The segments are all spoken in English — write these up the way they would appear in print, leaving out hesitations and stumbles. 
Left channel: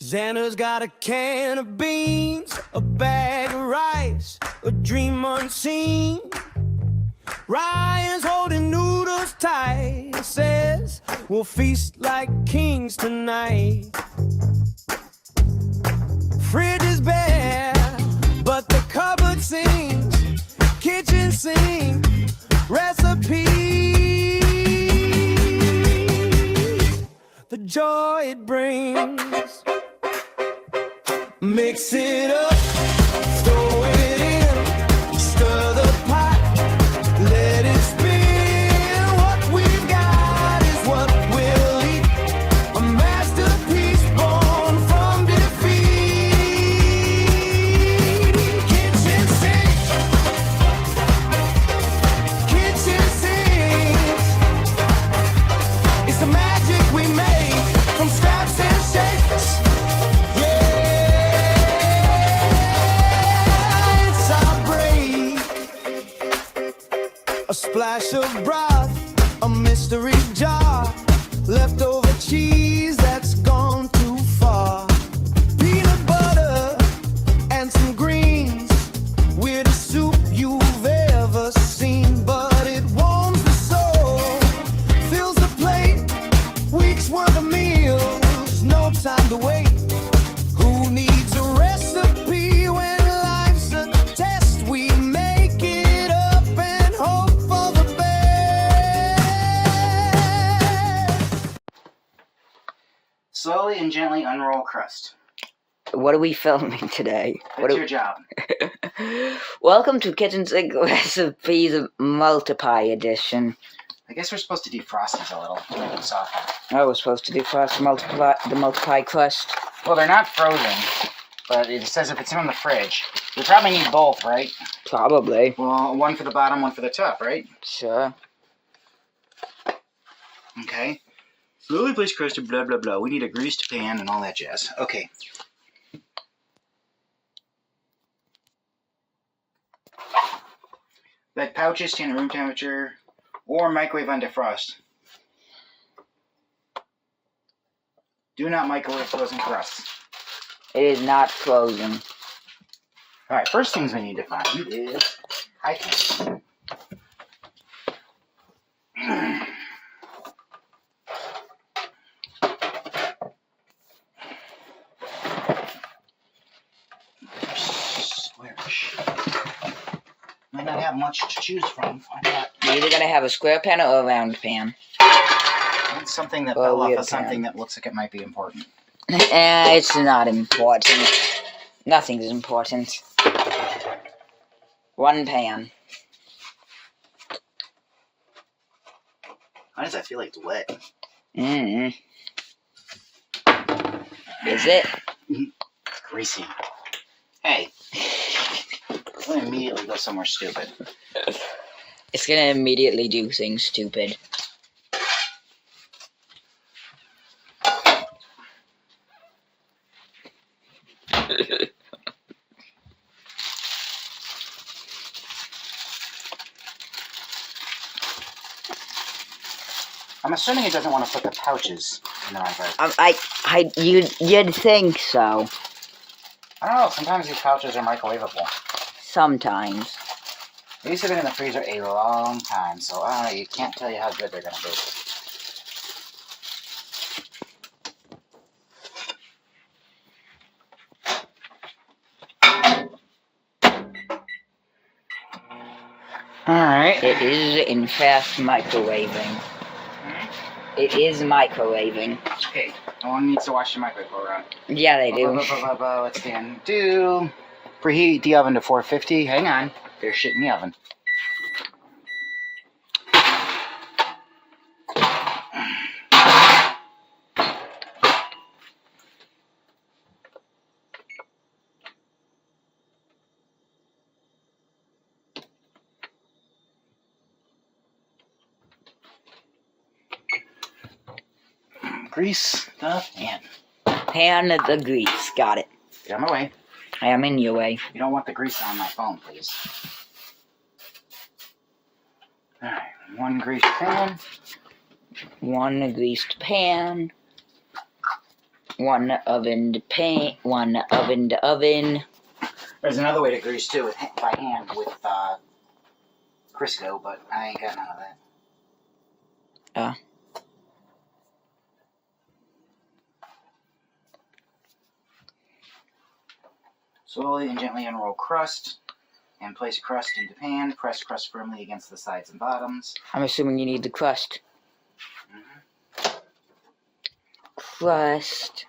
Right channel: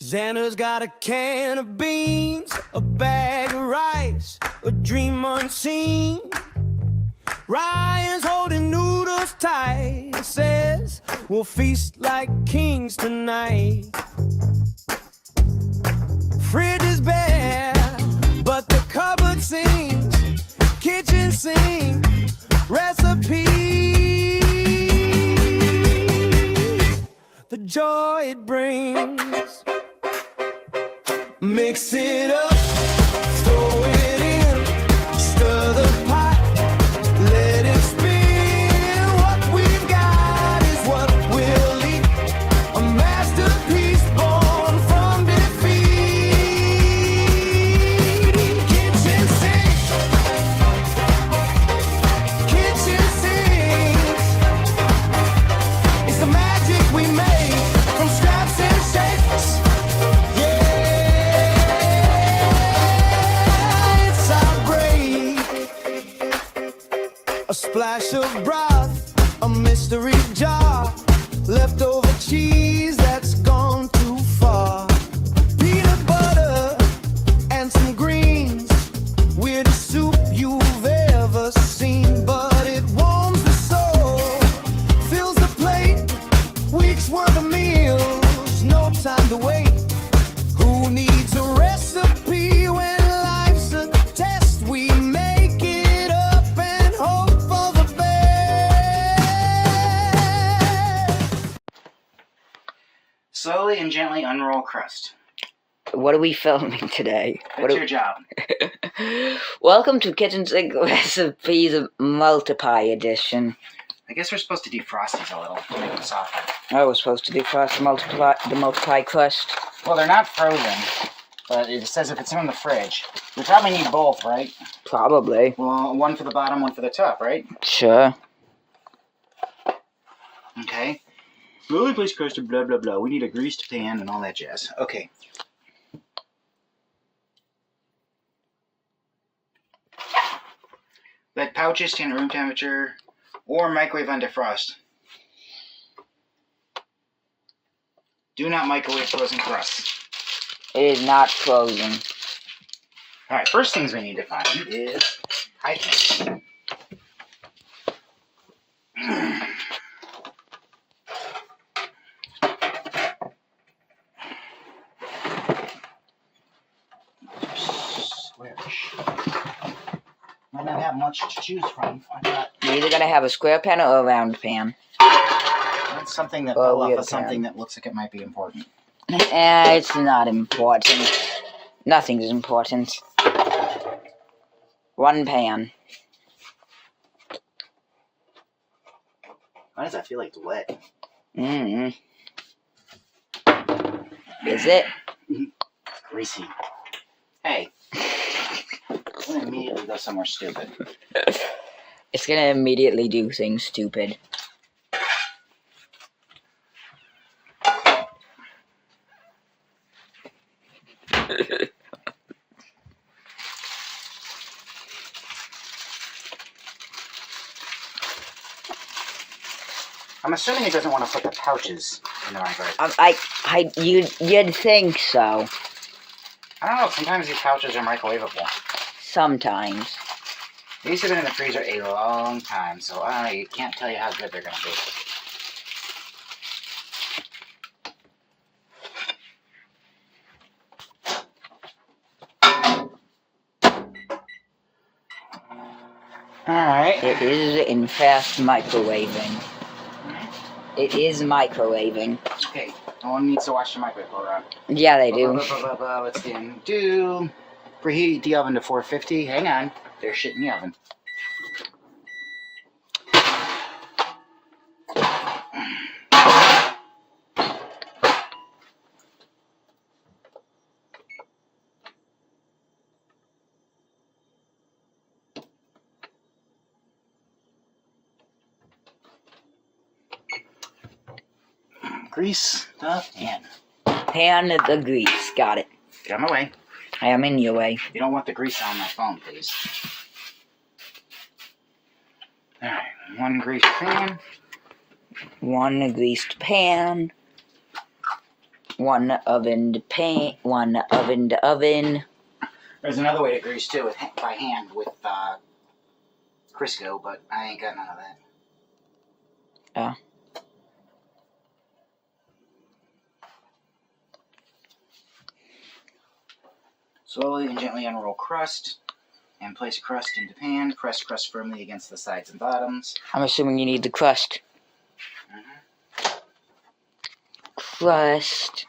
Xander's got a can of beans, a bag of rice, a dream unseen. Ryan's holding noodles tight, says we'll feast like kings tonight. Fridge is bare, but the cupboard sings, kitchen sink, recipes. The joy it brings. Mix it up, throw it in, stir the pot, let it spin. What we've got is what we'll eat. A masterpiece born from defeat. Kitchen sink, it's the magic we make from scraps and shakes. A splash of broth, a mystery jar, leftover cheese that's gone too far. Peanut butter and some greens, weirdest soup you've ever seen. But it warms the soul, fills the plate, weeks worth of meals, no time to wait. Who needs a recipe when life's a test? We make it up and hope for the best. Slowly and gently unroll crust. What are we filming today? That's your job. Welcome to Kitchen Sink Recipes Multiply Edition. I guess we're supposed to defrost these a little, make them softer. I was supposed to defrost the multiply crust. Well, they're not frozen, but it says if it's in the fridge. We probably need both, right? Probably. Well, one for the bottom, one for the top, right? Sure. Okay. Slowly place crust and blah, blah, blah. We need a greased pan and all that jazz. Okay. Let pouches stand at room temperature or microwave on defrost. Do not microwave frozen crust. It is not frozen. Alright, first things we need to find is high pan. Squarish. Might not have much to choose from. You're either going to have a square pan or a round pan. That's something that fell off of something that looks like it might be important. It's not important. Nothing's important. One pan. Why does that feel like it's wet? Is it? It's greasy. Hey. I'm going to immediately go somewhere stupid. It's going to immediately do things stupid. I'm assuming it doesn't want to put the pouches in the microwave. You'd think so. I don't know, sometimes these pouches are microwavable. Sometimes. These have been in the freezer a long time, so I don't know, you can't tell you how good they're going to be. Alright. It is in fast microwaving. It is microwaving. Okay, no one needs to watch the microwave go around. Yeah, they do. Let's do. Preheat the oven to 450. Hang on, there's shit in the oven. Grease the pan. Pan the grease. Got it. Get out of my way. I am in your way. You don't want the grease on my phone, please. Alright, one greased pan. One greased pan. One oven to paint, one oven to oven. There's another way to grease too, by hand with Crisco, but I ain't got none of that. Oh. Slowly and gently unroll crust and place crust into pan. Press crust firmly against the sides and bottoms. I'm assuming you need the crust. Crust.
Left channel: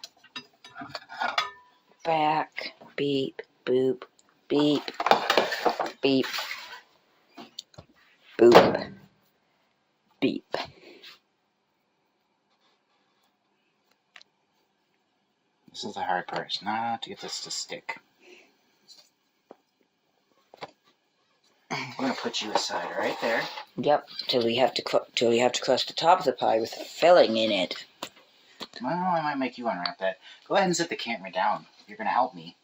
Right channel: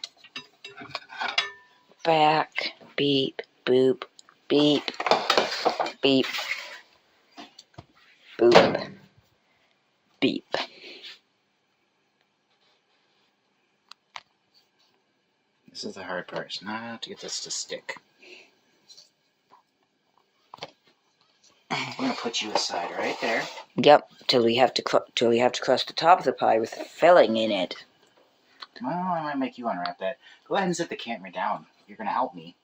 Back. Beep. Boop. Beep. Beep. Boop. Beep. This is the hard part, it's not to get this to stick. We're gonna put you aside right there. Yep, till we have to crust the top of the pie with filling in it. Well, I might make you unwrap that. Go ahead and sit the camera down. You're gonna help me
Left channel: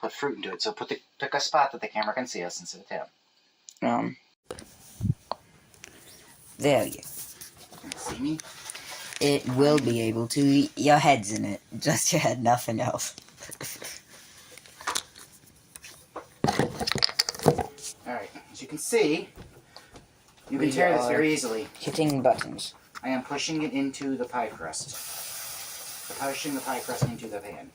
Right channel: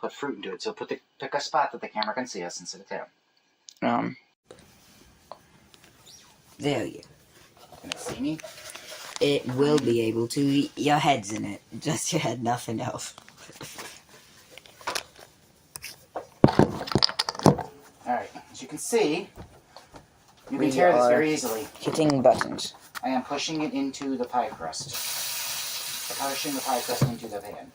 put fruit into it. So pick a spot that the camera can see us and sit it down. There you. Can it see me? It will be able to. Your head's in it. Just your head, nothing else. Alright, as you can see, you can tear this very easily. Hitting buttons. I am pushing it into the pie crust. Pushing the pie crust into the pan.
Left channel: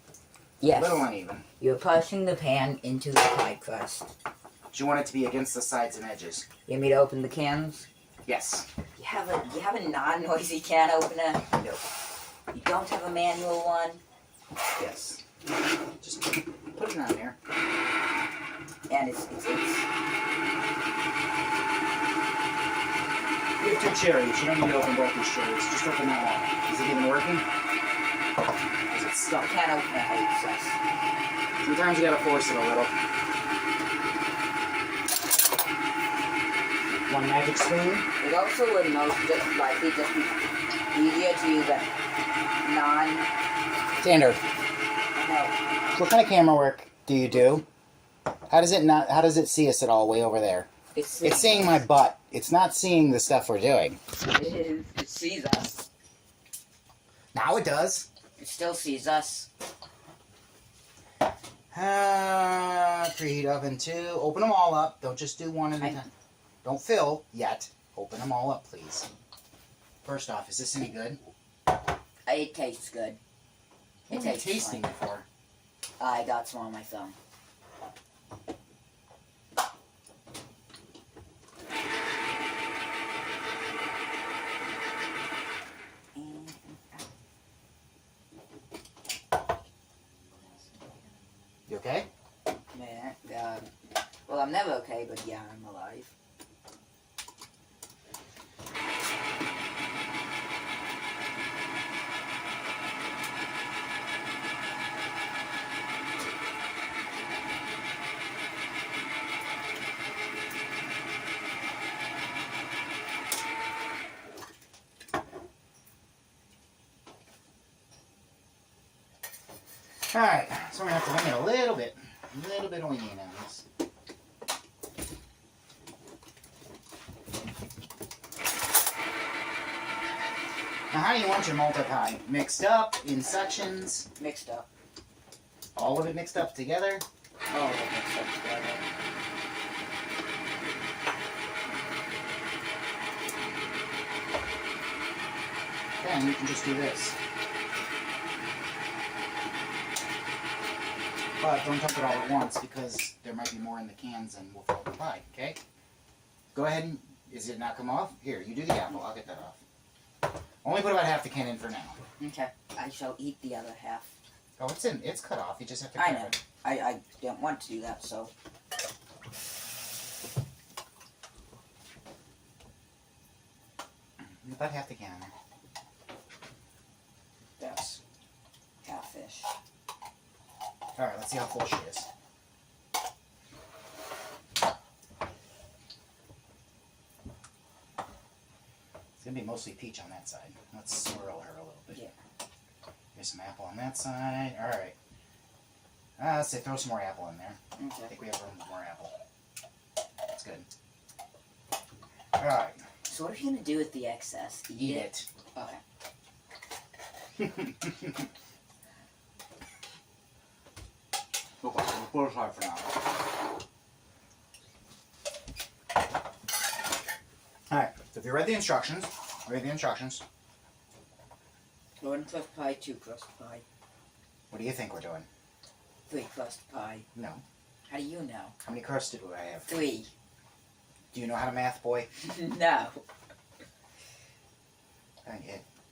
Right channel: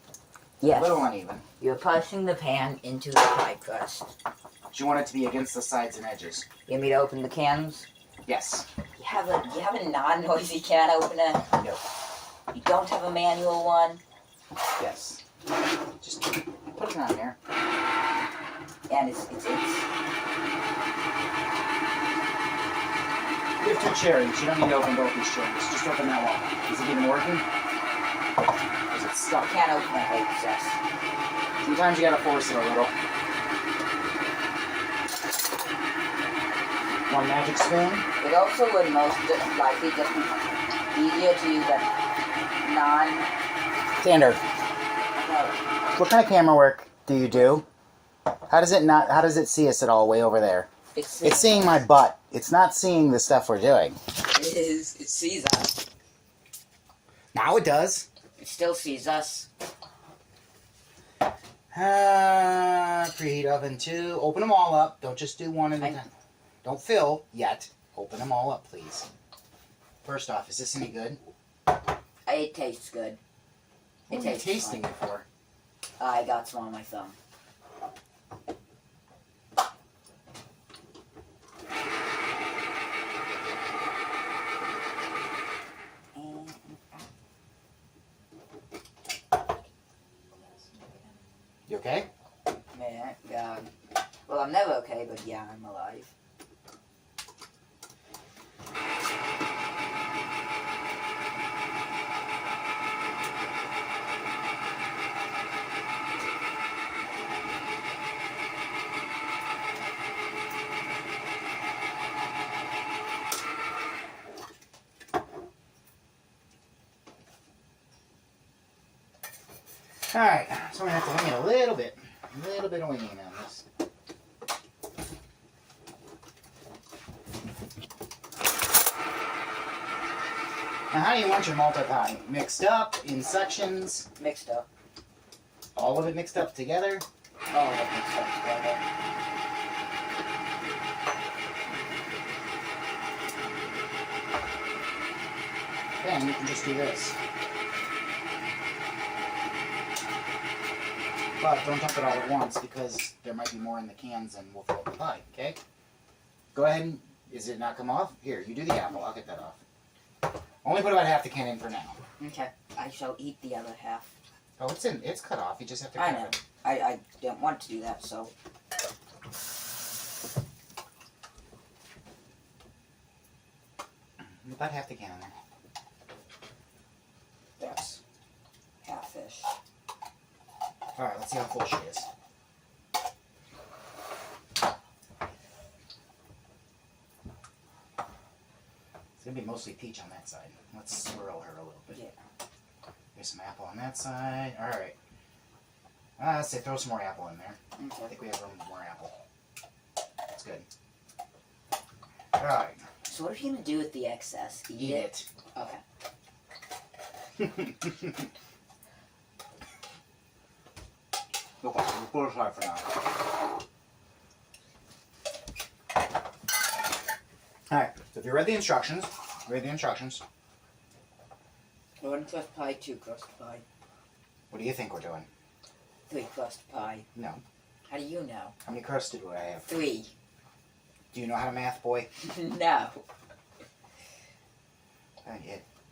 Yes. A little uneven. You're pushing the pan into the pie crust. You want it to be against the sides and edges. You want me to open the cans? Yes. You have a non-noisy can opener? No. You don't have a manual one? Yes. Just put it on there. And it's We have 2 cherries. You don't need to open both these cherries. Just open that one. Is it even working? Is it I stuck? can't open it, it says. Sometimes you gotta force it a little. One magic spoon. It also would most likely just be easier to use a Standard. no, What kind of camera work do you do? How does it see us at all way over there? it's seeing my butt. It's not seeing the stuff we're doing. it sees us. Now it does. It still sees us. Preheat oven 2. Open them all up. Don't just do one at a time. Don't fill yet. Open them all up, please. First off, is this any good? It tastes good. What are you tasting it for? I got some on my thumb. You okay? Yeah. Well, I'm never okay, but yeah, I'm alive. Alright, so we're going to have to wing it a little bit. A little bit of winging on this. Now, how do you want your multi-pie? Mixed up, in sections, Mixed up. all of it mixed up together? All of it mixed up together. Then you can just do this. But don't dump it all at once because there might be more in the cans and we'll fill up the pie, okay? Go ahead and, is it not come off? Here, you do the apple, I'll get that off. Only put about half the can in for now. Okay. I shall eat the other half. Oh, it's cut off, you just have to I cut know. it. I don't want to do that, so. About half the can in there. That's half-ish. Alright, let's see how full she is. It's going to be mostly peach on that side. Let's swirl her a little bit. Yeah. Here's some apple on that side. Alright. Let's say throw some more apple in there. I Okay. think we have room for more apple. That's good. Alright. So what are you gonna do with the excess? Eat it. Okay. Okay, we'll put it aside for now. Alright, so if you read the instructions, One crust pie, two crust pie, what do you think we're doing? three crust pie. No. How do you know? How many crusts do I have? 3. Do you know how to math, boy? No.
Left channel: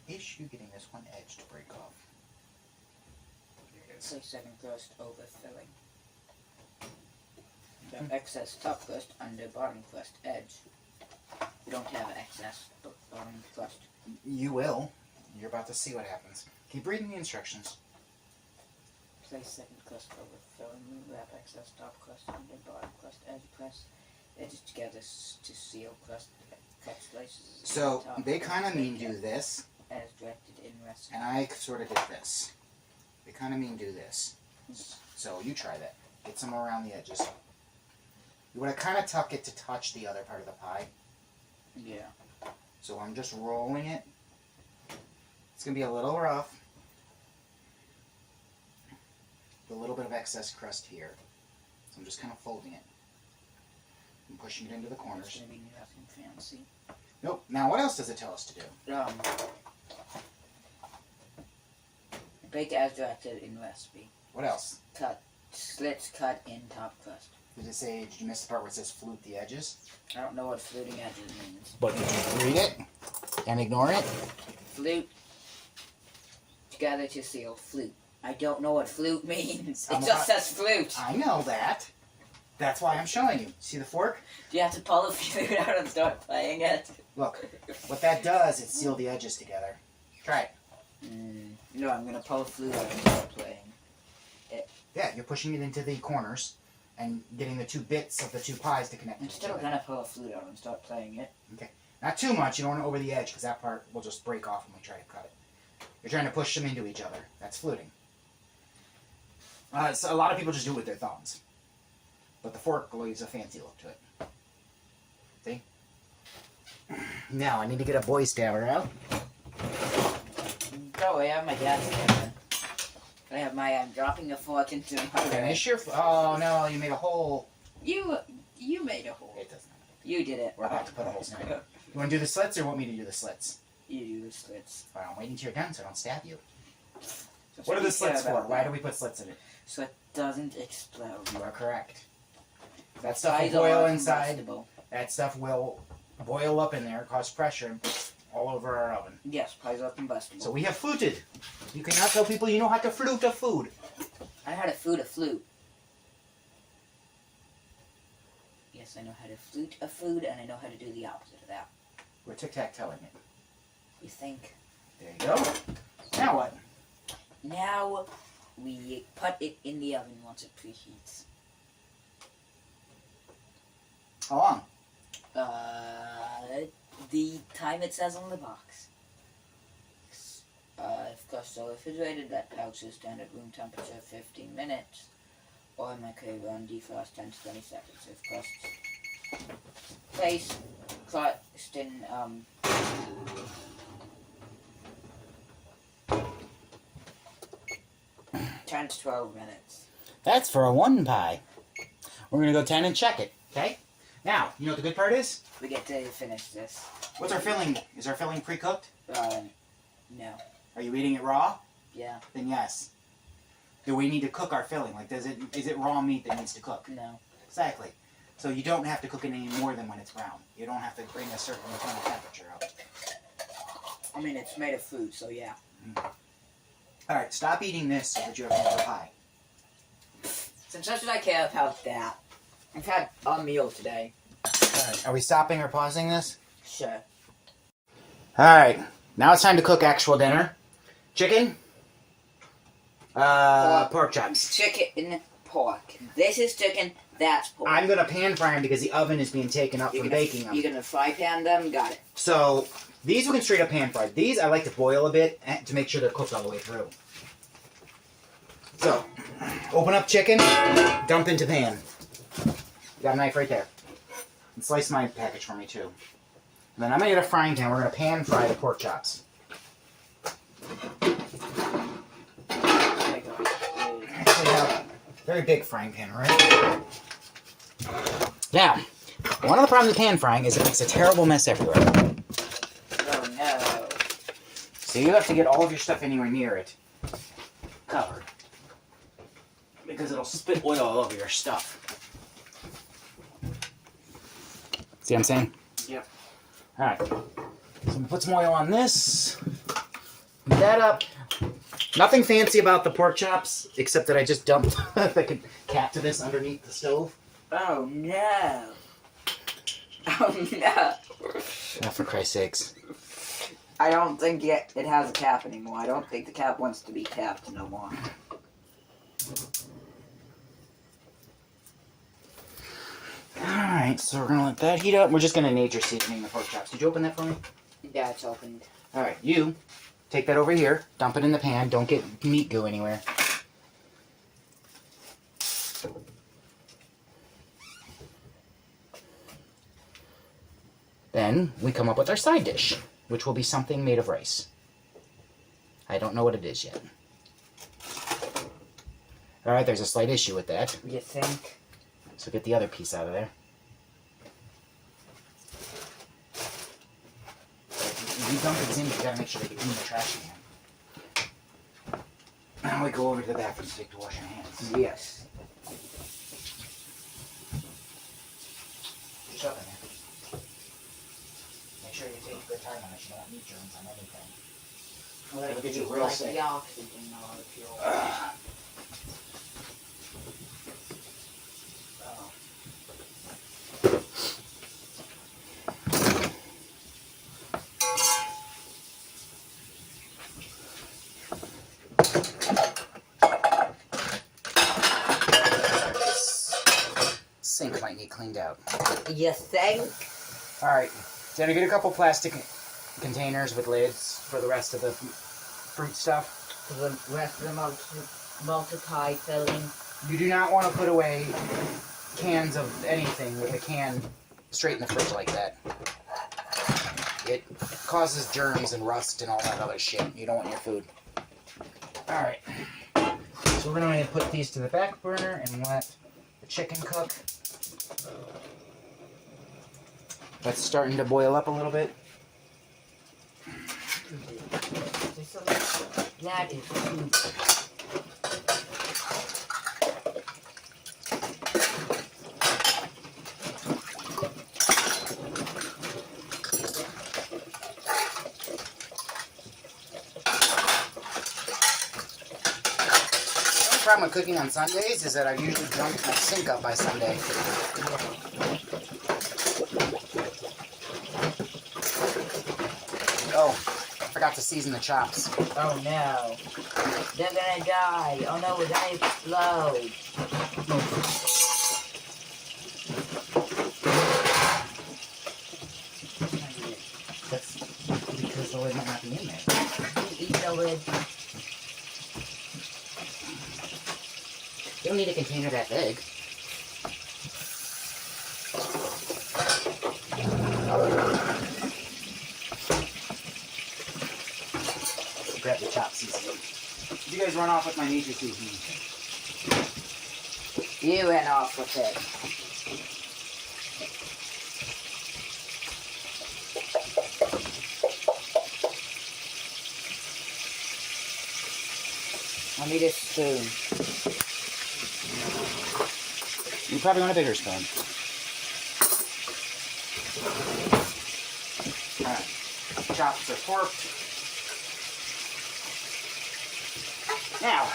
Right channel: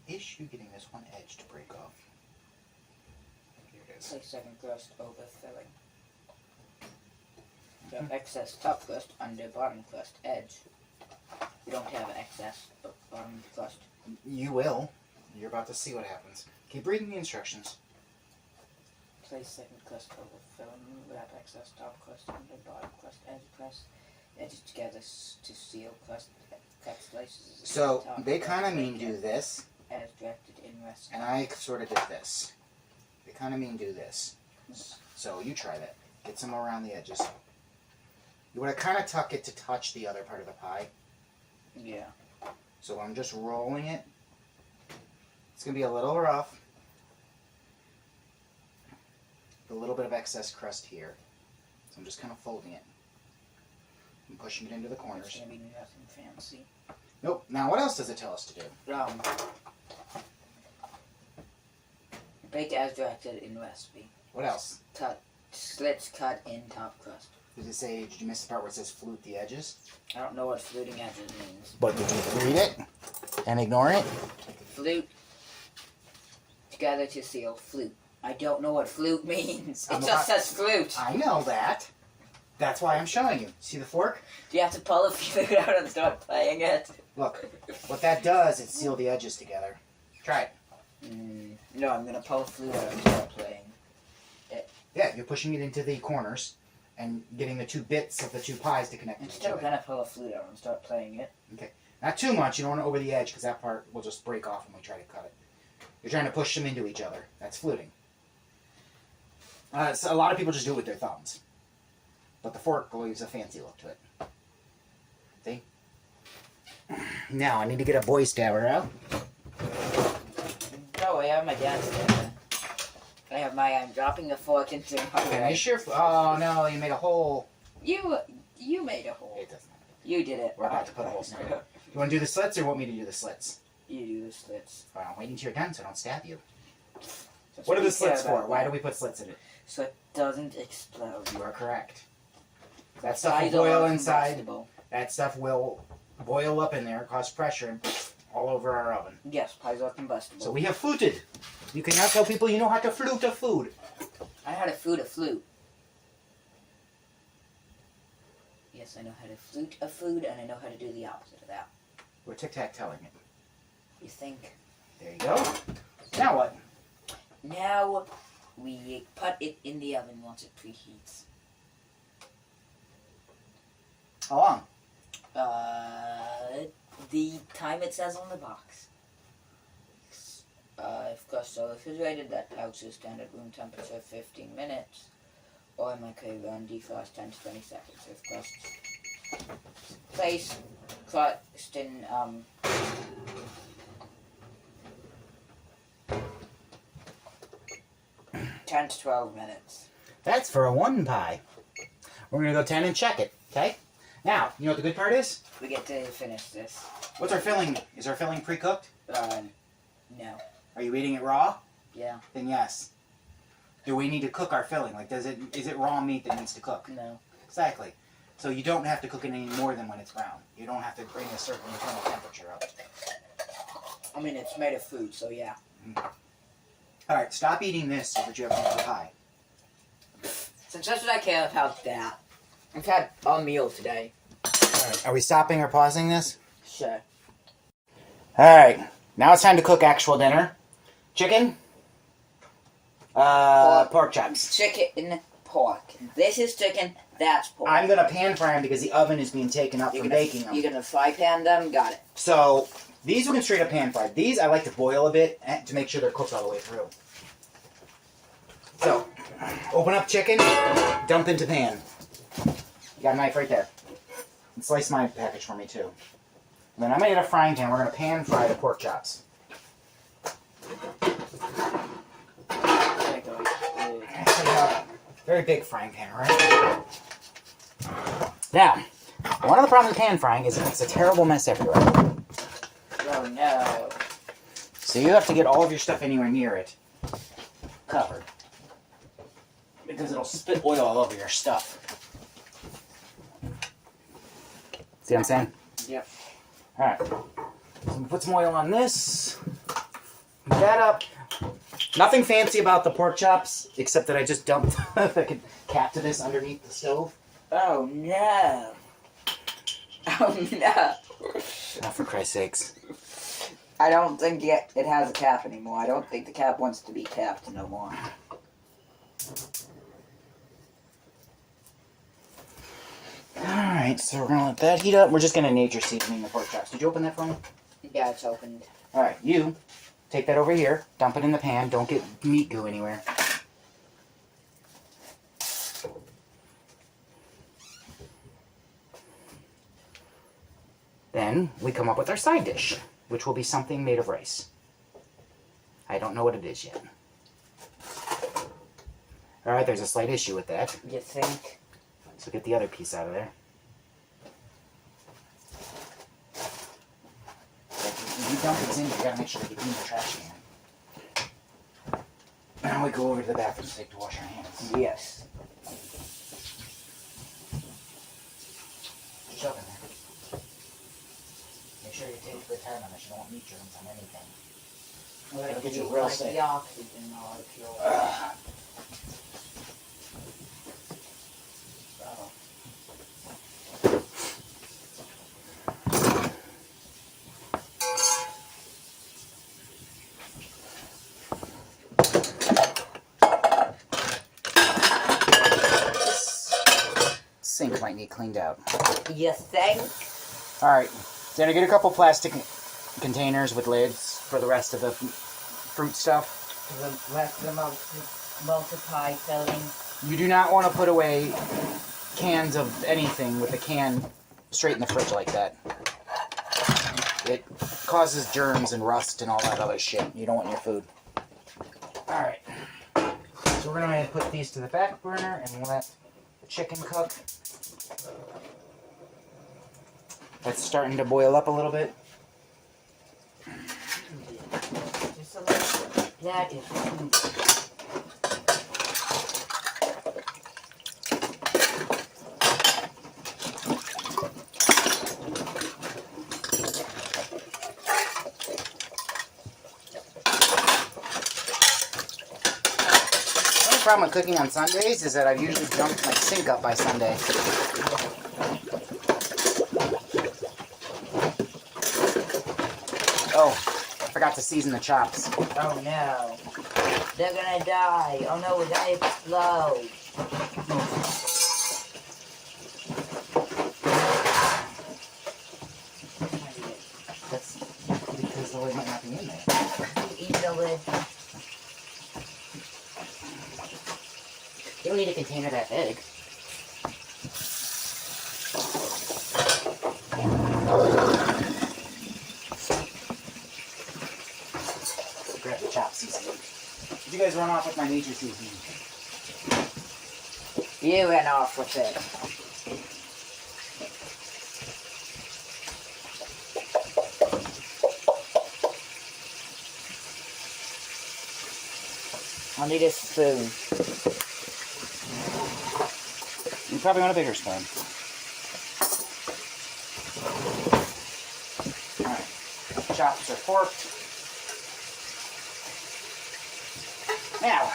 Is you getting this one edge to break off? Here it is. Place second crust over filling. So excess top crust under bottom crust edge. We don't have excess bottom crust. You will. You're about to see what happens. Keep reading the instructions. Place second crust over filling. Wrap excess top crust under bottom crust edge. Press edges together to seal crust. Cut slices. So top they crust, kind of mean bake do this, as directed in recipe. and I sort of did this. They kind of mean do this. So you try that. Get some around the edges. You want to kind of tuck it to touch the other part of the pie. Yeah. So I'm just rolling it. It's going to be a little rough. A little bit of excess crust here. So I'm just kind of folding it. I'm pushing it into the It's corners. gonna be nothing fancy. Nope. Now what else does it tell us to do? Bake as directed in recipe. What else? Slits cut in top crust. Does it say, did you miss the part where it says flute the edges? I don't know what fluting edges means. But did you read it and ignore it? Flute together to seal flute. I don't know what flute means. It I'm just says flute. I know that. That's why I'm showing you. See the fork? Do you have to pull the flute out and start playing it? Look, what that does is seal the edges together. Try it. No, I'm gonna pull the flute out and start playing. Yeah, you're pushing it into the corners and getting the two bits of the two pies to connect I'm to each still other. gonna pull a flute out and start playing it. Not too much. You don't want to over the edge because that part will just break off when we try to cut it. You're trying to push them into each other. That's fluting. So a lot of people just do it with their thumbs. But the fork leaves a fancy look to it. See? Now, I need to get a boy stabber out. Oh, I have my dad's stabber. I'm dropping the fork into my Finish your... Oh, no, you made a hole. You made a hole. It doesn't matter. You did it. We're about to put a hole in it. You want to do the slits or want me to do the slits? You do the slits. All right, I'm waiting till you're done so I don't stab you. That's What are we the slits care for? about. Why do we put slits in it? So it doesn't explode. You are correct. That stuff will Sides boil are inside. combustible. That stuff will boil up in there, cause pressure, and all over our oven. Yes, pies are combustible. So we have fluted. You cannot tell people you know how to flute a food. I know how to flute a flute. Yes, I know how to flute a food, and I know how to do the opposite of that. We're tic-tac-toeing it. You think? There you go. Now what? Now we put it in the oven once it preheats. How long? The time it says on the box. If crust are refrigerated, let out to standard room temperature 15 minutes. Or microwave on defrost 10 to 20 seconds. If crust place crust in 10 to 12 minutes. That's for a one pie. We're going to go 10 and check it, okay? Now, you know what the good part is? We get to finish this. What's our filling? Is our filling pre-cooked? No. Are you eating it raw? Yeah. Then yes. Do we need to cook our filling? Like, is it raw meat that needs to cook? No. Exactly. So you don't have to cook it any more than when it's brown. You don't have to bring a certain internal temperature up. I mean, it's made of food, so yeah. All right, stop eating this so that you have another pie. Since why should I care about that? I've had a meal today. All right, are we stopping or pausing this? Sure. All right, now it's time to cook actual dinner. Chicken, pork chops. Chicken, pork. This is chicken, that's pork. I'm gonna pan fry them because the oven is being taken up from baking them. You're gonna fry pan them? Got it. So these we can straight up pan fry. These I like to boil a bit to make sure they're cooked all the way through. So open up chicken, dump into pan. You got a knife right there. And slice my package for me too. And then I'm gonna get a frying pan. We're gonna pan fry the pork chops. Very big frying pan, right? Now, one of the problems with pan frying is it makes a terrible mess everywhere. Oh no. So you have to get all of your stuff anywhere near it covered. Because it'll spit oil all over your stuff. See what I'm saying? Yep. Alright. So we put some oil on this. Heat that up. Nothing fancy about the pork chops, except that I just dumped the cap to this underneath the stove. Oh no. Oh no. Oh, for Christ's sakes. I don't think it has a cap anymore. I don't think the cap wants to be capped no more. Alright, so we're going to let that heat up. We're just going to nature seasoning the pork chops. Did you open that for me? Yeah, it's opened. Alright, you take that over here. Dump it in the pan. Don't get meat goo anywhere. Then we come up with our side dish, which will be something made of rice. I don't know what it is yet. Alright, there's a slight issue with that. You think? So get the other piece out of there. If you dump it in, you gotta make sure that you clean the trash can. Now we go over to the bathroom sink to wash our hands. Yes. Shove in there. Make sure you take good time on this. You don't want meat germs on anything. Well, It'll get you it's real like sick. the oxygen molecule. Oh. Sink might get cleaned out. You think? Alright, then I get a couple plastic containers with lids for the rest of the fruit stuff. The rest of the multiply filling. You do not want to put away cans of anything with a can straight in the fridge like that. It causes germs and rust and all that other shit. You don't want in your food. Alright. So we're going to put these to the back burner and let the chicken cook. That's starting to boil up a little bit. That is food. The only problem with cooking on Sundays is that I've usually jumped my sink up by Sunday. Oh, I forgot to season the chops. Oh no. They're gonna die. Oh no, we're gonna explode. That's because the lid might not be in there. Eat the lid. You don't need a container that big. Grab the chop seasoning. Did you guys run off with my nature seasoning? You went off with it. I need a spoon. You probably want a bigger spoon. Alright. Chops are forked. Now,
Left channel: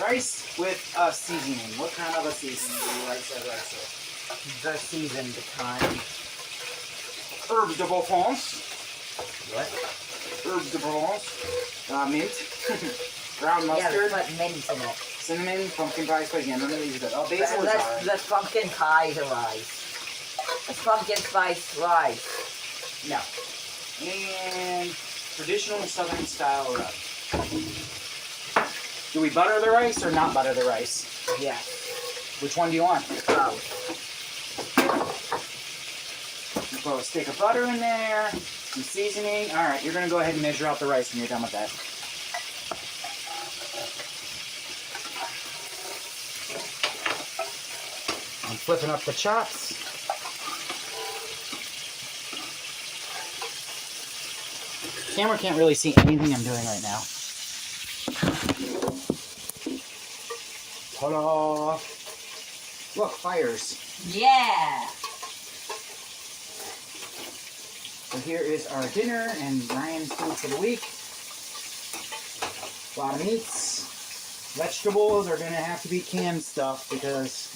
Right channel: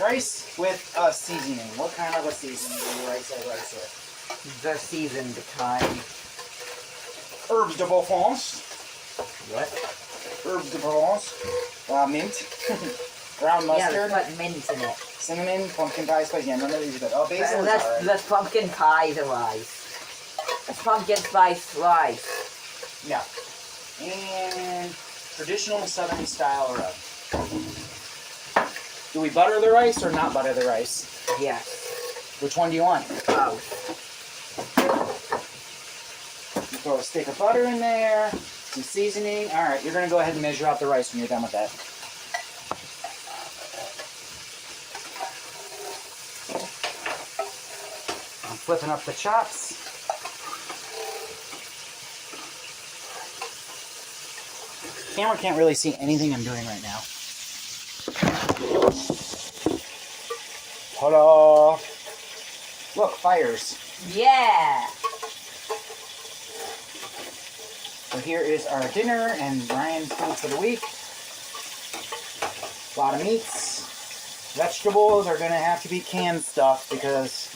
rice with a seasoning. What kind of a seasoning do you rice with? The seasoned kind. Herbes de Provence. What? Herbes de Provence. Mint. Ground Yeah, mustard. they put mint in it. Cinnamon, pumpkin pie spice. Yeah, none of these are good. Oh, basil is alright. That's pumpkin pie the rice. That's pumpkin spice rice. No. And traditional southern style rub. Do we butter the rice or not butter the rice? Yes. Which one do you want? Oh. You throw a stick of butter in there, some seasoning. Alright, you're going to go ahead and measure out the rice when you're done with that. I'm flipping up the chops. Camera can't really see anything I'm doing right now. Ta-da! Look, fires. Yeah. So here is our dinner and Ryan's food for the week. A lot of meats. Vegetables are going to have to be canned stuff because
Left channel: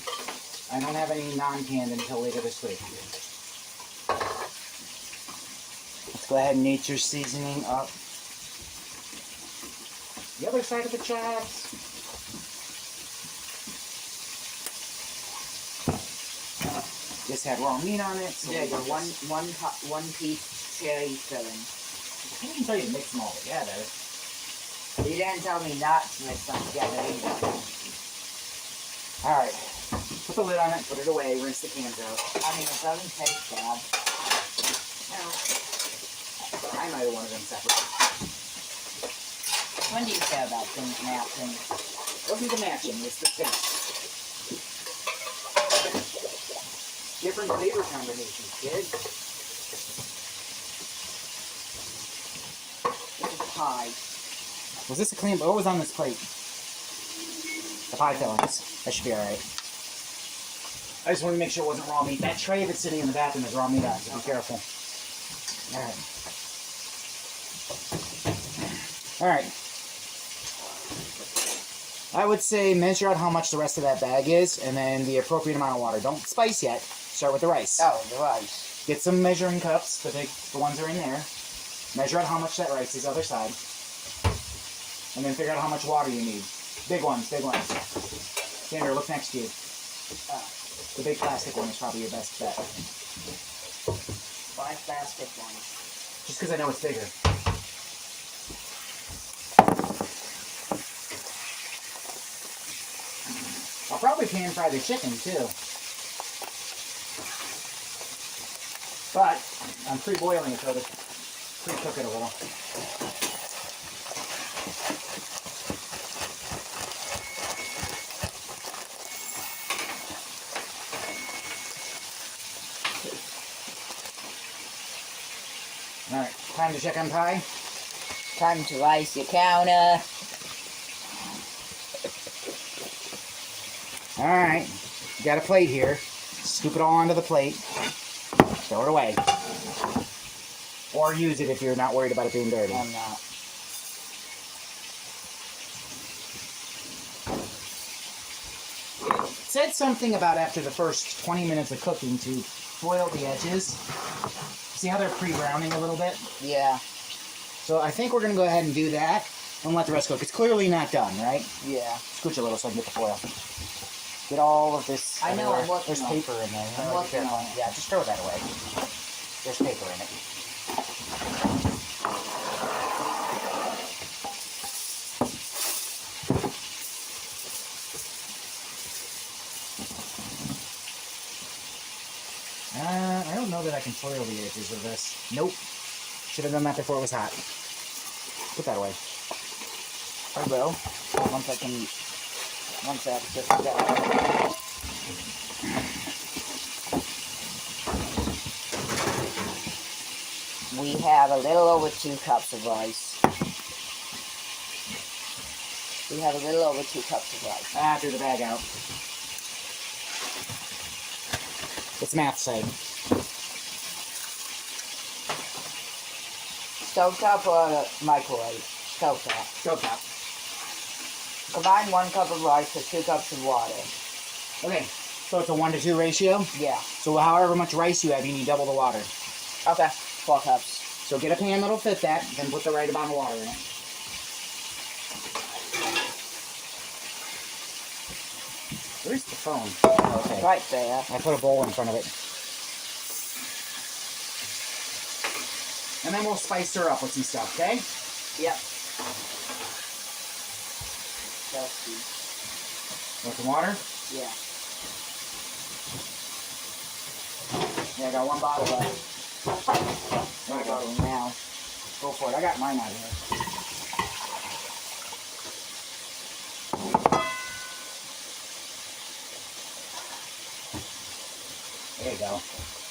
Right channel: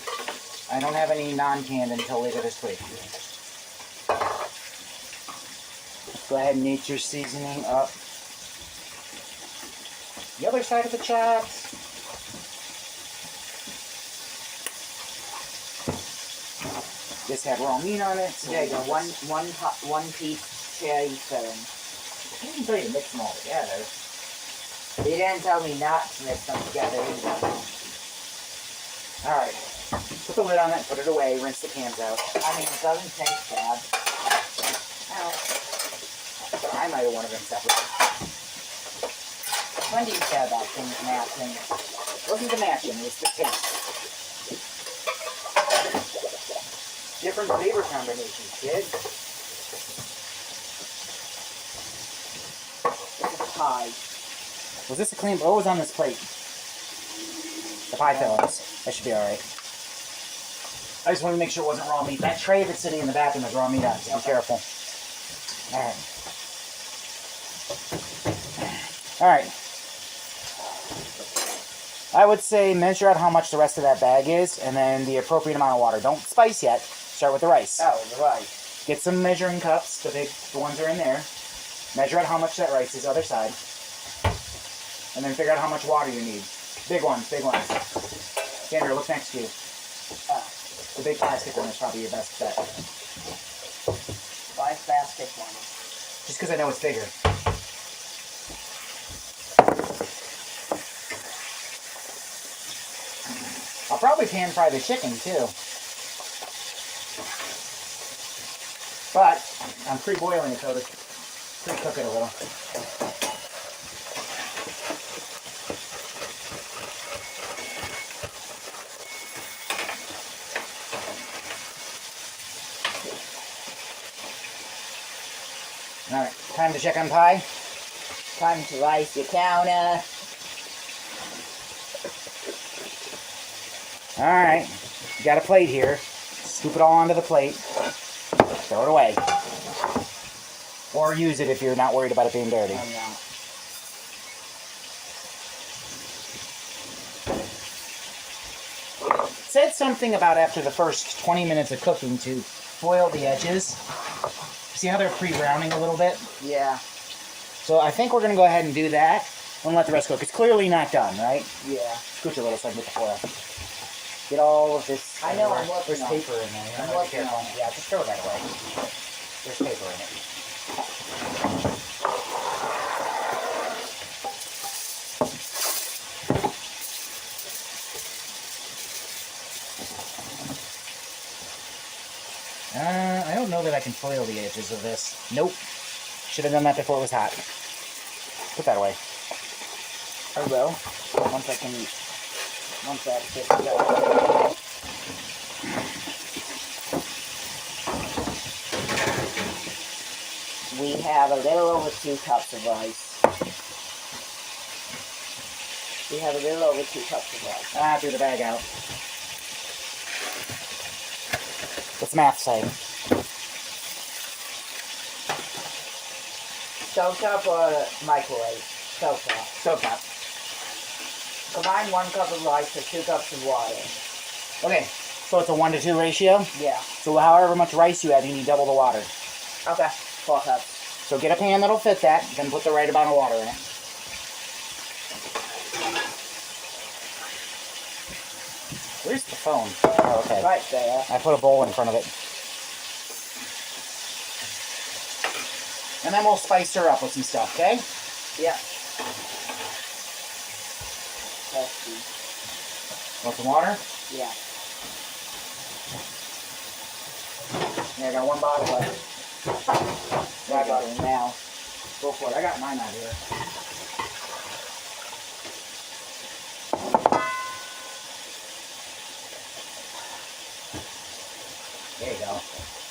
I don't have any non-canned until later this week. Let's go ahead and nature seasoning up the other side of the chops. This had raw meat on it. So There you go. One piece cherry filling. I didn't tell you to mix them all together. They didn't tell me not to mix them together either. Alright. Put the lid on it, put it away, rinse the cans out. I mean, it doesn't taste bad. I might have wanted them separate. When do you care about things matching? It wasn't the matching, it was the taste. Different flavor combinations, kid. It's a pie. Was this a clean? Oh, it was on this plate. The pie fillings. That should be alright. I just wanted to make sure it wasn't raw meat. That tray that's sitting in the bathroom has raw meat on it, so be careful. Alright. Alright. I would say measure out how much the rest of that bag is, and then the appropriate amount of water. Don't spice yet. Start with the rice. Oh, the rice. Get some measuring cups. The ones are in there. Measure out how much that rice is, other side. And then figure out how much water you need. Big ones, big ones. Sandra, look next to you. The big plastic one is probably your best bet. Why plastic one? Just because I know it's bigger. I'll probably pan fry the chicken too. But I'm pre-boiling it so to pre-cook it a little. Alright, time to check on pie. Time to ice your counter. Alright, you got a plate here. Scoop it all onto the plate. Throw it away. Or use it if you're not worried about it being dirty. I'm not. It said something about after the first 20 minutes of cooking to foil the edges. See how they're pre-browning a little bit? Yeah. So I think we're going to go ahead and do that and let the rest cook. It's clearly not done, right? Yeah. Scooch a little so I can get the foil. Get all of this. I know, I'm working There's on paper in there. I'm working on it. Yeah, just throw that away. There's paper in it. I don't know that I can foil the edges of this. Nope. Should have done that before it was hot. Put that away. Or go. Once I can. Once I get together. We have a little over 2 cups of rice. We have a little over 2 cups of rice. Ah, threw the bag out. What's math say? Stovetop or microwave? Stovetop. Stovetop. Combine 1 cup of rice to 2 cups of water. Okay, so it's a 1-to-2 ratio? Yeah. So however much rice you have, you need double the water. Okay. 4 cups. So get a pan that'll fit that, then put the right amount of water in it. Where's the phone? Oh, okay. Right there. I put a bowl in front of it. And then we'll spice her up with some stuff, okay? Yeah. That's good. Want some water? Yeah. Yeah, I got 1 bottle left. My bottle now. Go for it. I got mine out here.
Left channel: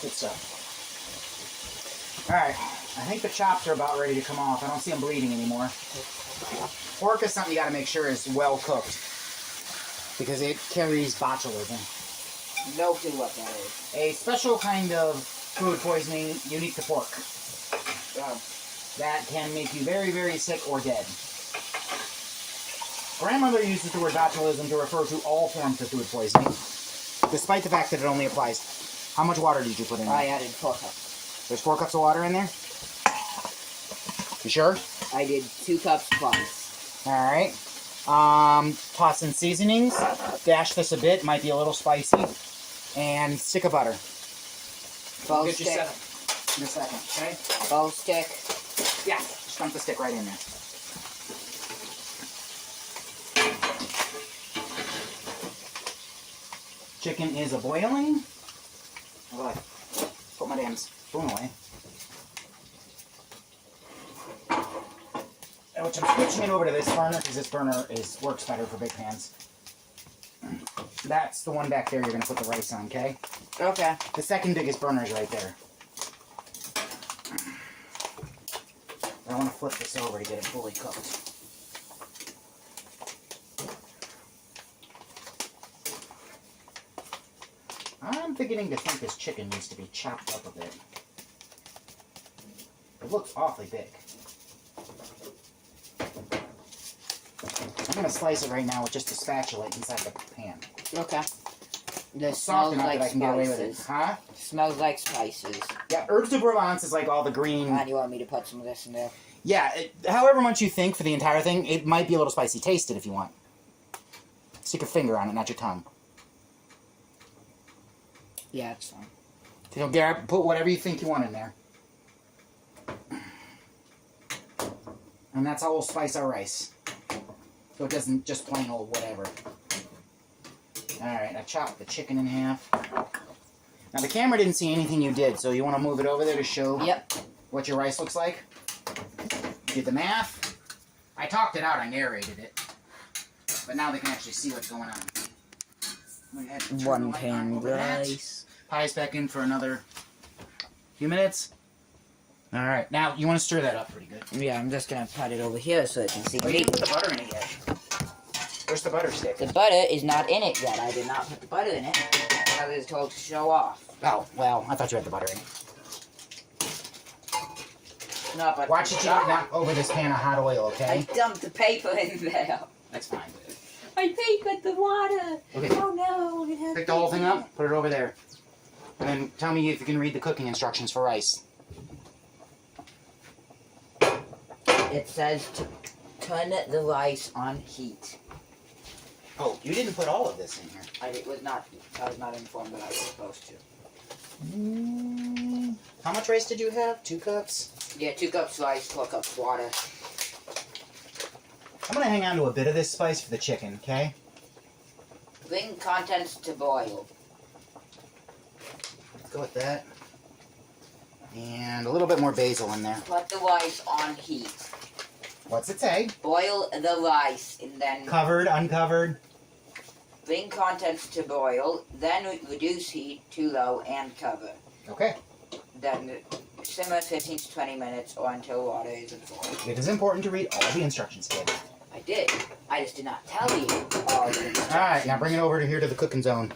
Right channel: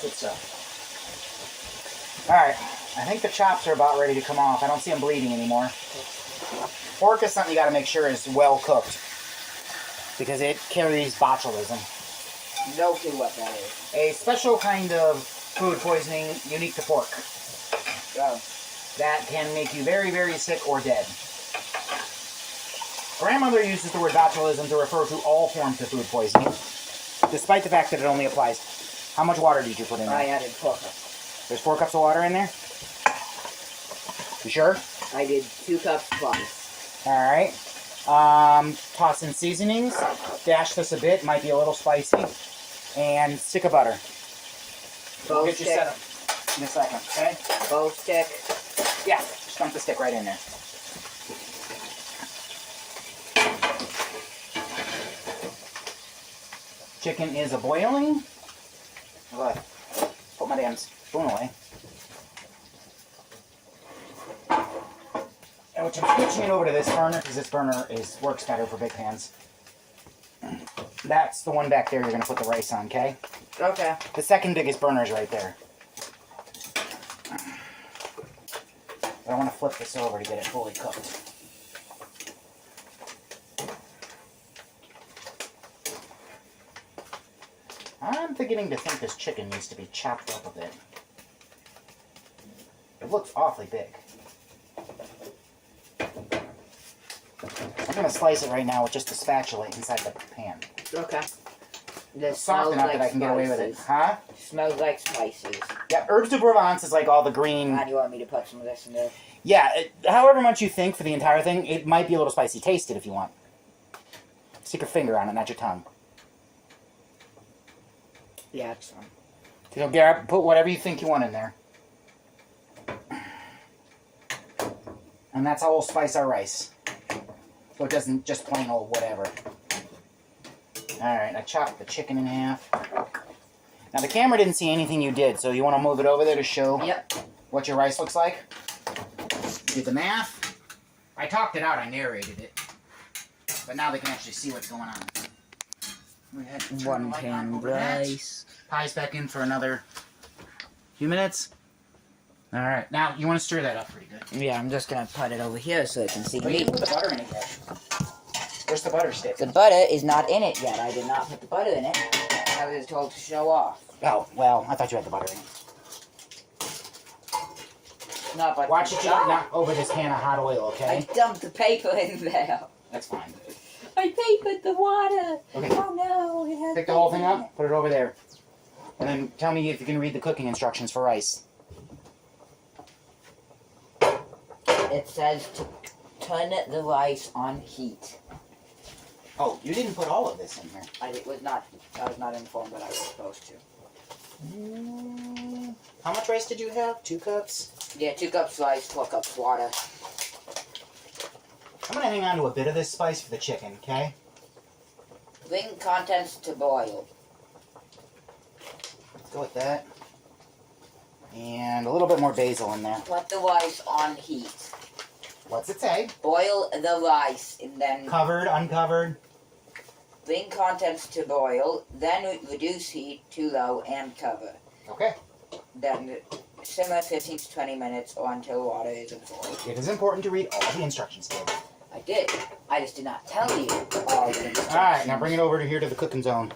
Good stuff. Alright, I think the chops are about ready to come off. I don't see them bleeding anymore. Pork is something you gotta make sure is well cooked, because it carries botulism. No clue what that is. A special kind of food poisoning unique to pork. Oh. That can make you very, very sick or dead. Grandmother uses the word botulism to refer to all forms of food poisoning, despite the fact that it only applies. How much water did you put in there? I added 4 cups. There's 4 cups of water in there? You sure? I did 2 cups plus. Alright. Toss in seasonings. Dash this a bit. Might be a little spicy. And stick of butter. We'll get you set up in a second, okay? Bow stick. Yeah, just dump the stick right in there. Chicken is a-boiling. Look, put my damn spoon away. Which I'm switching it over to this burner because this burner works better for big pans. That's the one back there you're going to put the rice on, okay? Okay. The second biggest burner is right there. I want to flip this over to get it fully cooked. I'm beginning to think this chicken needs to be chopped up a bit. It looks awfully big. I'm going to slice it right now with just a spatula inside the pan. Okay. This soft enough that I can get away with it. Huh? Smells like spices. Yeah, herbes de Provence is like all the green... And you want me to put some of this in there? Yeah, however much you think for the entire thing, it might be a little spicy. Taste it if you want. Stick your finger on it, not your tongue. Yeah, it's fine. So Garrett, put whatever you think you want in there. And that's how we'll spice our rice. So it doesn't just plain old whatever. Alright, I chopped the chicken in half. Now the camera didn't see anything you did, so you want to move it over there to show what your rice looks like? Did the math. I talked it out, I narrated it. But now they can actually see what's going on. Go ahead, turn 1 the light on pan over that. rice. Pies back in for another few minutes. Alright, now you want to stir that up pretty good. Yeah, I'm just gonna put it over here so it can see But you me. didn't put the butter in it yet. Where's the butter stick? The butter is not in it yet. I did not put the butter in it. I was told to show off. Oh, well, I thought you had the butter in it. Not but Watch it not over this pan of hot oil, I okay? dumped the paper in there. That's fine. I papered the water. Okay. Oh no. It has Pick the whole thing up, put it over there. And then tell me if you can read the cooking instructions for rice. It says to turn the rice on heat. Oh, you didn't put all of this in here. I was not informed that I was supposed to. How much rice did you have? 2 cups? Yeah, 2 cups rice, 4 cups water. I'm going to hang on to a bit of this spice for the chicken, okay? Bring contents to boil. Let's go with that. And a little bit more basil in there. Put the rice on heat. What's it say? Boil the rice and then Covered, uncovered? bring contents to boil. Then reduce heat to low and cover. Okay. Then simmer 15 to 20 minutes or until water is boiled. It is important to read all the instructions, kid. I did. I just did not tell you all the instructions. Alright, now bring it over to here to the cooking zone.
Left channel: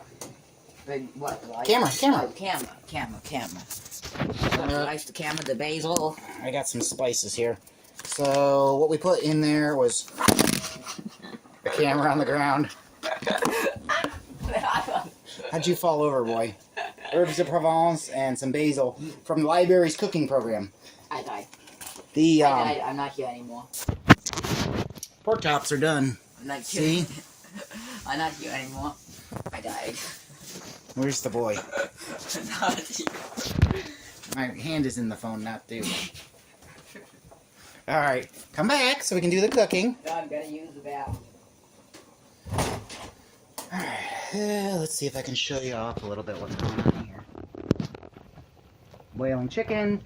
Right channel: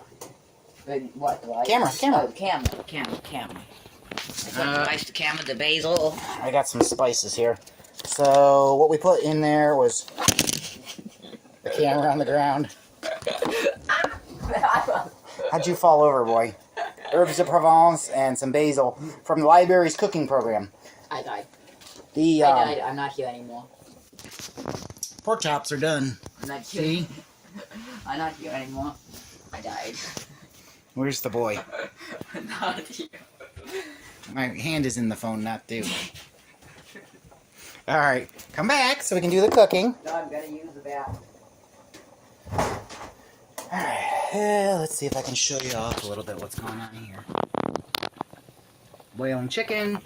Bring what? The rice? Camera. Oh, camera. Put the rice, the camera, the basil. I got some spices here. So, what we put in there was the camera on the ground. How'd you fall over, boy? Herbes de Provence and some basil from the library's cooking program. I died. The I died. I'm not here anymore. pork chops are done. I'm not See? here. I'm not here anymore. I died. Where's the boy? Not here. My hand is in the phone, not due. Alright, come back so we can do the cooking. No, I'm gonna use the bathroom. Alright, let's see if I can show you off a little bit what's going on here. Boiling chicken.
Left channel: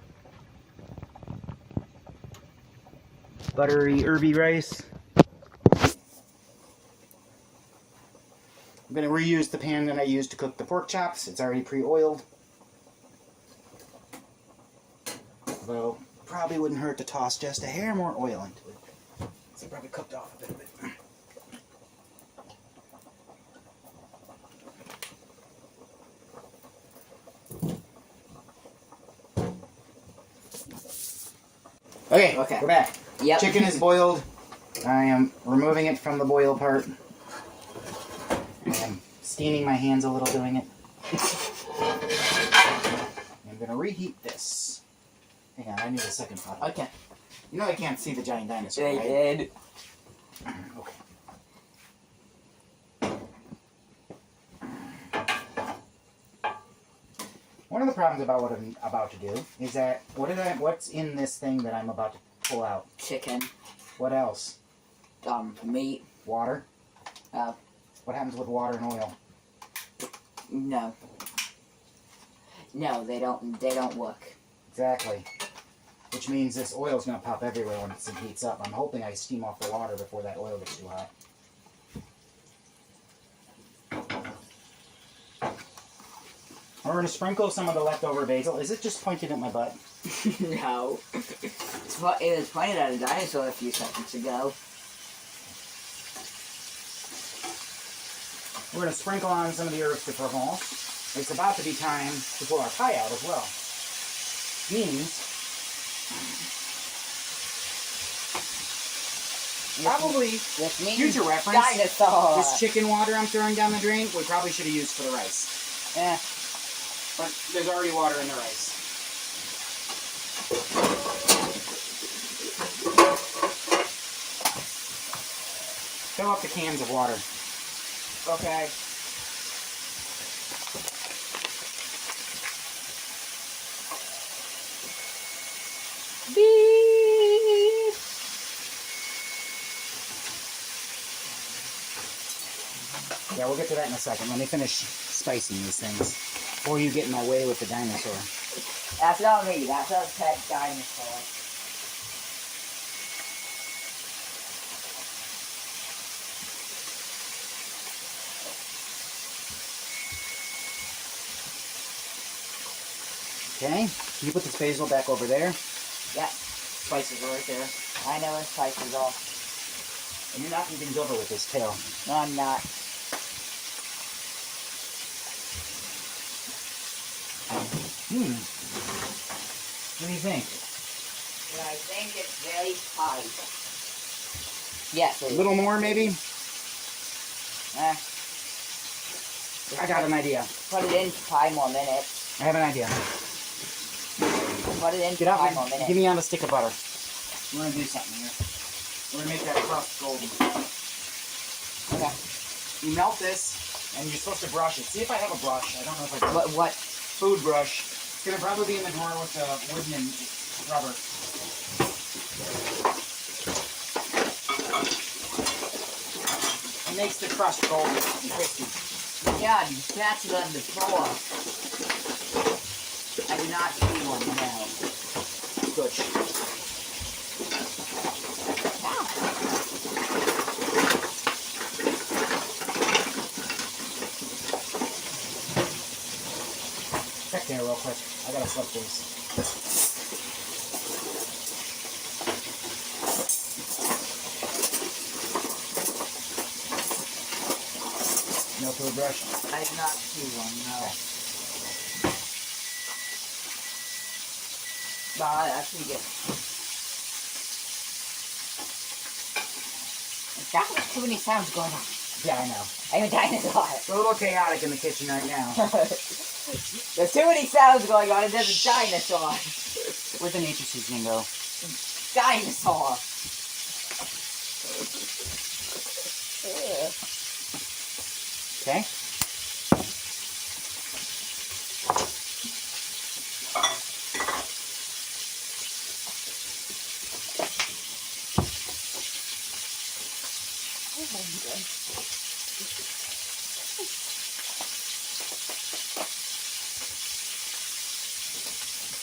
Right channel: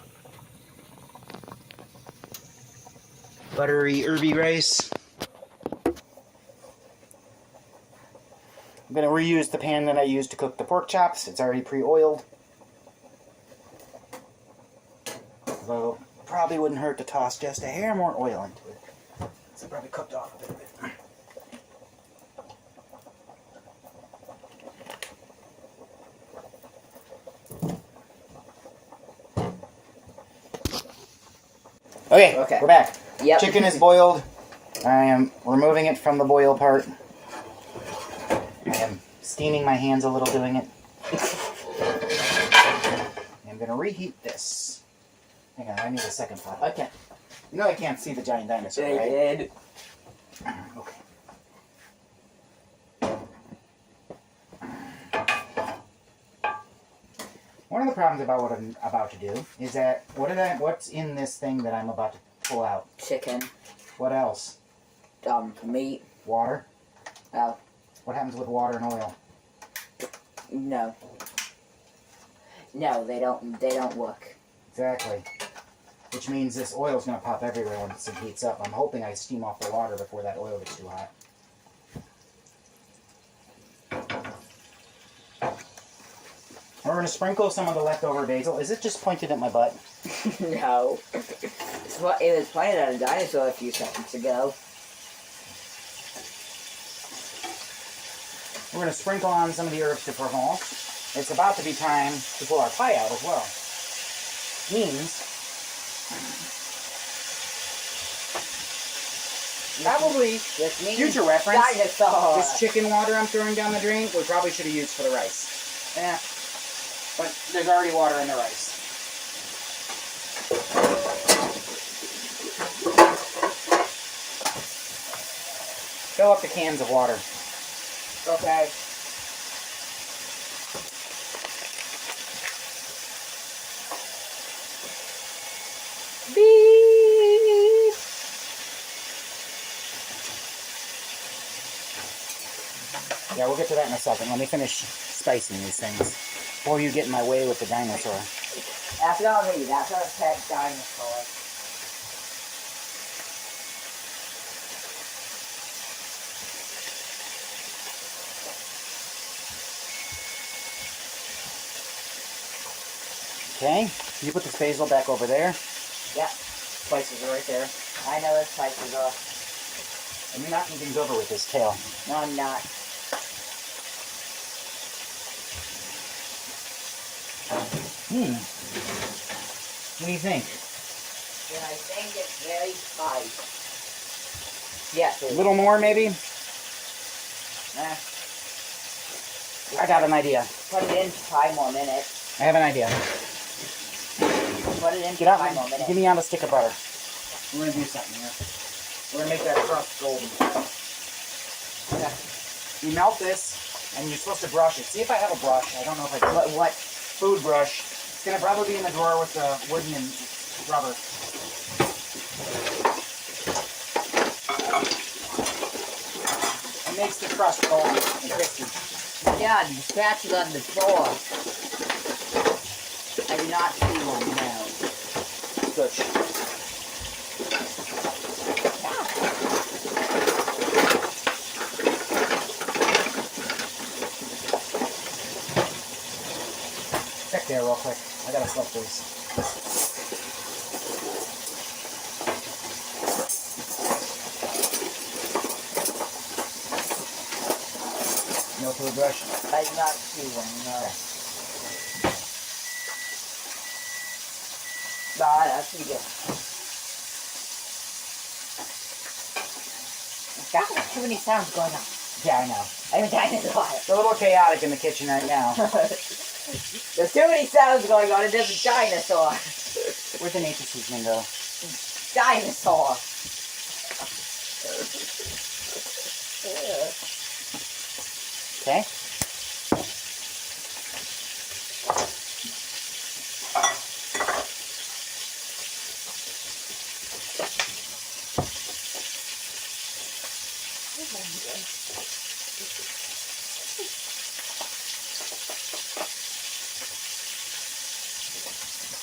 Buttery, herby rice. I'm going to reuse the pan that I used to cook the pork chops. It's already pre-oiled. although probably wouldn't hurt to toss just a hair more oil into it. So it probably cooked off a bit of it. Okay, we're back. Yep. Chicken is boiled. I am removing it from the boil part. I am staining my hands a little doing it. I'm going to reheat this. Hang on, I need a second pot. Okay. You know I can't see the giant dinosaur, right? Did. Okay. One of the problems about what I'm about to do is that what's in this thing that I'm about to pull out? Chicken. What else? Meat. Water? No. What happens with water and oil? No. No, they don't work. Exactly. Which means this oil's going to pop everywhere once it heats up. I'm hoping I steam off the water before that oil gets too hot. We're going to sprinkle some of the leftover basil. Is it just pointed at my butt? No. It was pointed at a dinosaur a few seconds ago. We're going to sprinkle on some of the herbs de Provence. It's about to be time to pull our pie out as well. Means probably future reference. Dinosaur. This chicken water I'm throwing down the drain, we probably should have used for the rice. Yeah. But there's already water in the rice. Fill up the cans of water. Okay. Beep. Yeah, we'll get to that in a second. Let me finish spicing these things before you get in my way with the dinosaur. That's not me. That's a pet dinosaur. Okay, can you put the basil back over there? Yeah. Spices are right there. I know the spices are. And you're knocking things over with this tail. No, I'm not. What do you think? Yeah, I think it's very tight. Yes. A little more, maybe? I got an idea. Put it in 5 more minutes. I have an idea. Put it in Get out 5 more and minutes. give me on a stick of butter. We're going to do something here. We're going to make that crust golden. Okay. You melt this, and you're supposed to brush it. See if I have a brush. I don't know if I do. What? Food brush. It's going to probably be in the drawer with the wooden and rubber. It makes the crust golden and crispy. Yeah, you scratch it on the floor. I do not see one now. Good. Check there real quick. I gotta slip these. No food brush? I do not see one, no. No, that's pretty good. Got too many sounds going on. Yeah, I know. I'm a dinosaur. It's a little chaotic in the kitchen right now. There's too many sounds going on. It is a dinosaur. Where'd the nature seasoning go? Dinosaur. Okay.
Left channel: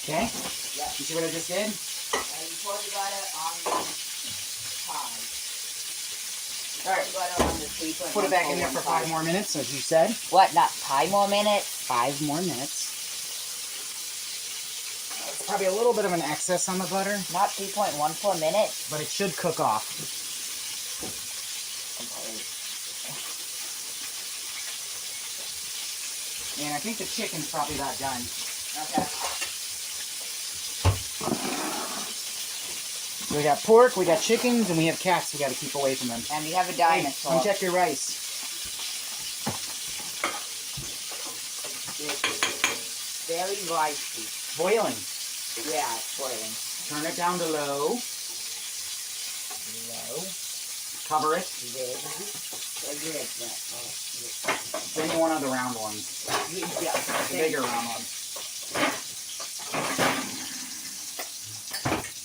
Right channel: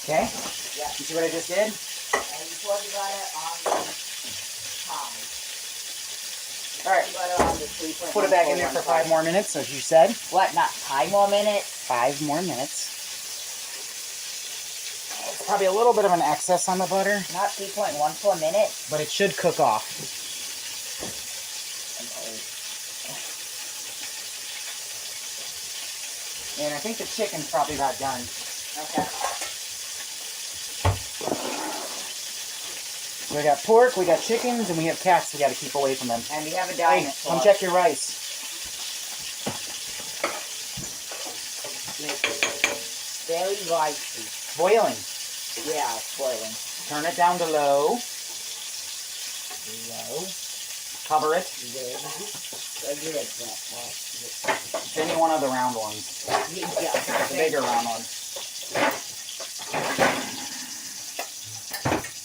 Okay. Yeah. You see what I just did? And you pour the butter on the pie. All right. Butter on the 3.1. Put it back in there for 5 more minutes, as you said. What? Not 5 more minutes? 5 more minutes. probably a little bit of an excess on the butter, Not 3.14 minutes. but it should cook off. And I think the chicken's probably about done. Okay. We got pork, we got chickens, and we have cats we got to keep away from them. And we have a Hey, dinosaur. come check your rice. It's very ricey. Boiling. Yeah, it's boiling. Turn it down to low. Low. Cover it. Then you want other round ones. The bigger round ones.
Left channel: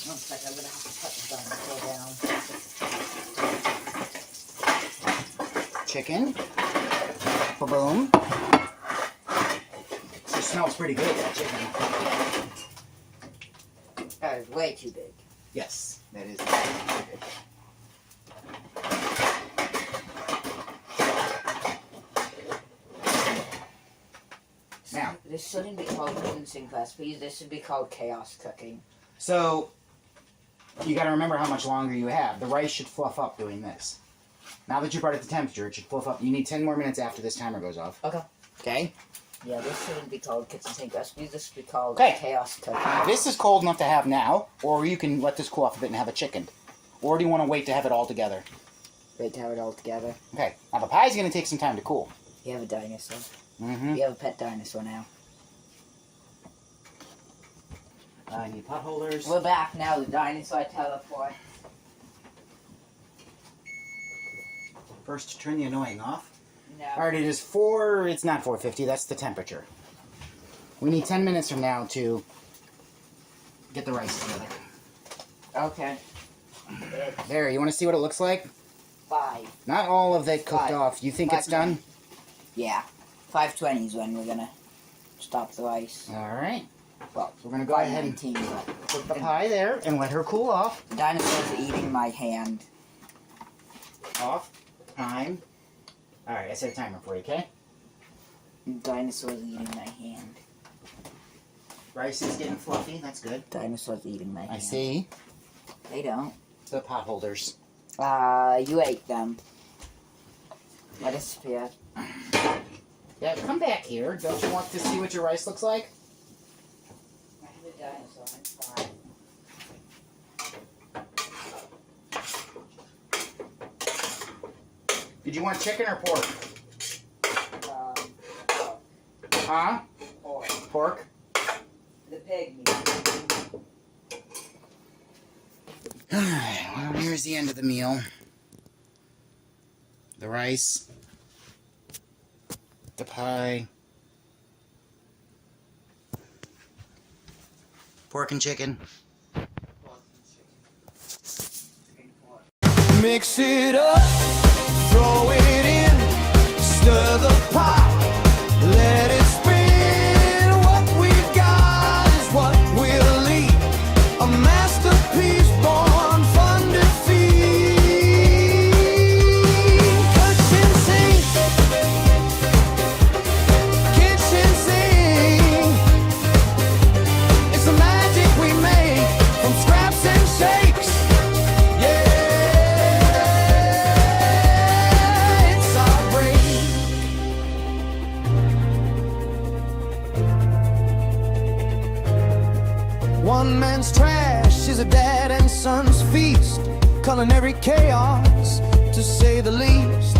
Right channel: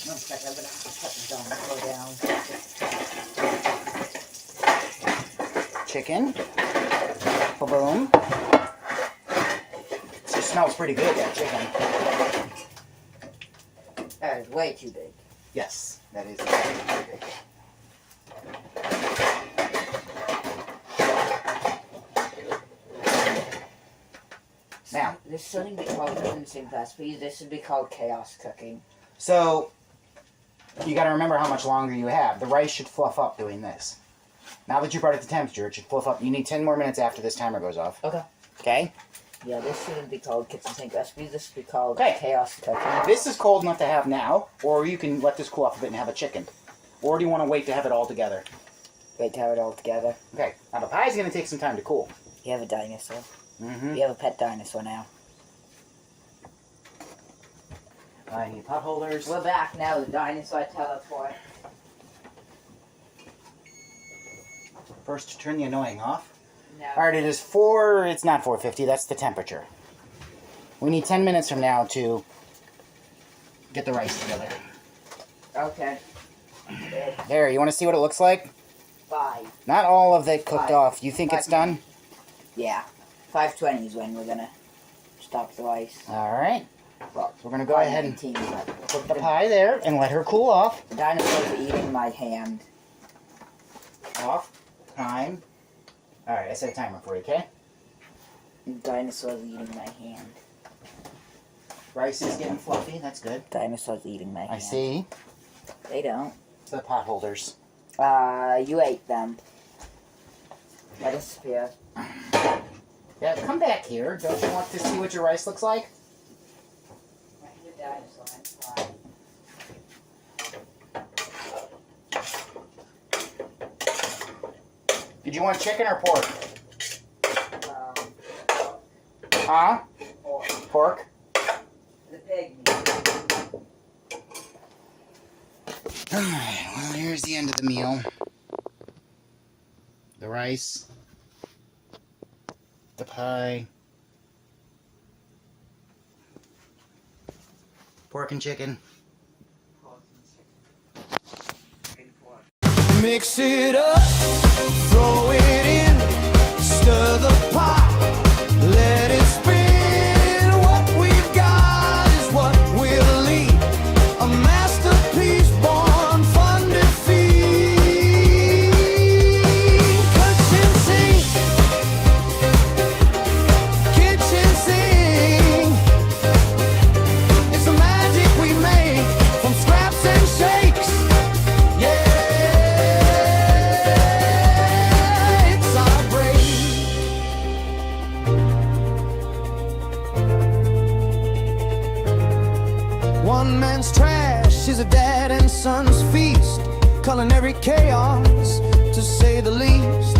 Looks like I'm gonna have to put the dinosaur down. Chicken. Baboon. It smells pretty good, that chicken. That is way too big. Yes, that is pretty big. Now, This shouldn't be called rinsing recipes. This should be called chaos cooking. so you got to remember how much longer you have. The rice should fluff up doing this. Now that you brought it to temperature, it should fluff up. You need 10 more minutes after this timer goes off. Okay. Okay? Yeah, this shouldn't be called kitchen sink recipes. This should be called Okay. chaos cooking. This is cold enough to have now, or you can let this cool off a bit and have a chicken. Or do you want to wait to have it all together? Wait to have it all together. Okay. Now the pie's going to take some time to cool. You have a dinosaur. Mm-hmm. You have a pet dinosaur now. I need pot holders. We're back now. The dinosaur teleport. First, turn the annoying off. No. Alright, it is it's not 450, that's the temperature. We need 10 minutes from now to get the rice together. Okay. There, you want to see what it looks like? 5. Not all of it cooked 5. off. You think it's 5 done? Yeah. 5:20 is when we're gonna stop the rice. Alright. Well, So we're going to go ahead and 5:19, but put the pie there and let her cool off. the dinosaur's eating my hand. Off. Time. Alright, I set a timer for you, okay? The dinosaur's eating my hand. Rice is getting fluffy, that's good. Dinosaur's eating my hand. I see. They don't. The pot holders. You ate them. That is fair. Yeah, come back here. Don't you want to see what your rice looks like? The dinosaur, I'm fine. Did you want chicken or pork? Um, Huh? or Pork? the pig meat. Alright, well, here's the end of the meal. The rice. The pie. Pork and chicken. Mix it up, throw it in, stir the pot, let it spin. What we've got is what we'll eat. A masterpiece born fun to feed. Kitchen sink, kitchen sink. It's the magic we make from scraps and shakes. Yeah. One man's trash is a dad and son's feast. Culinary chaos, to say the least.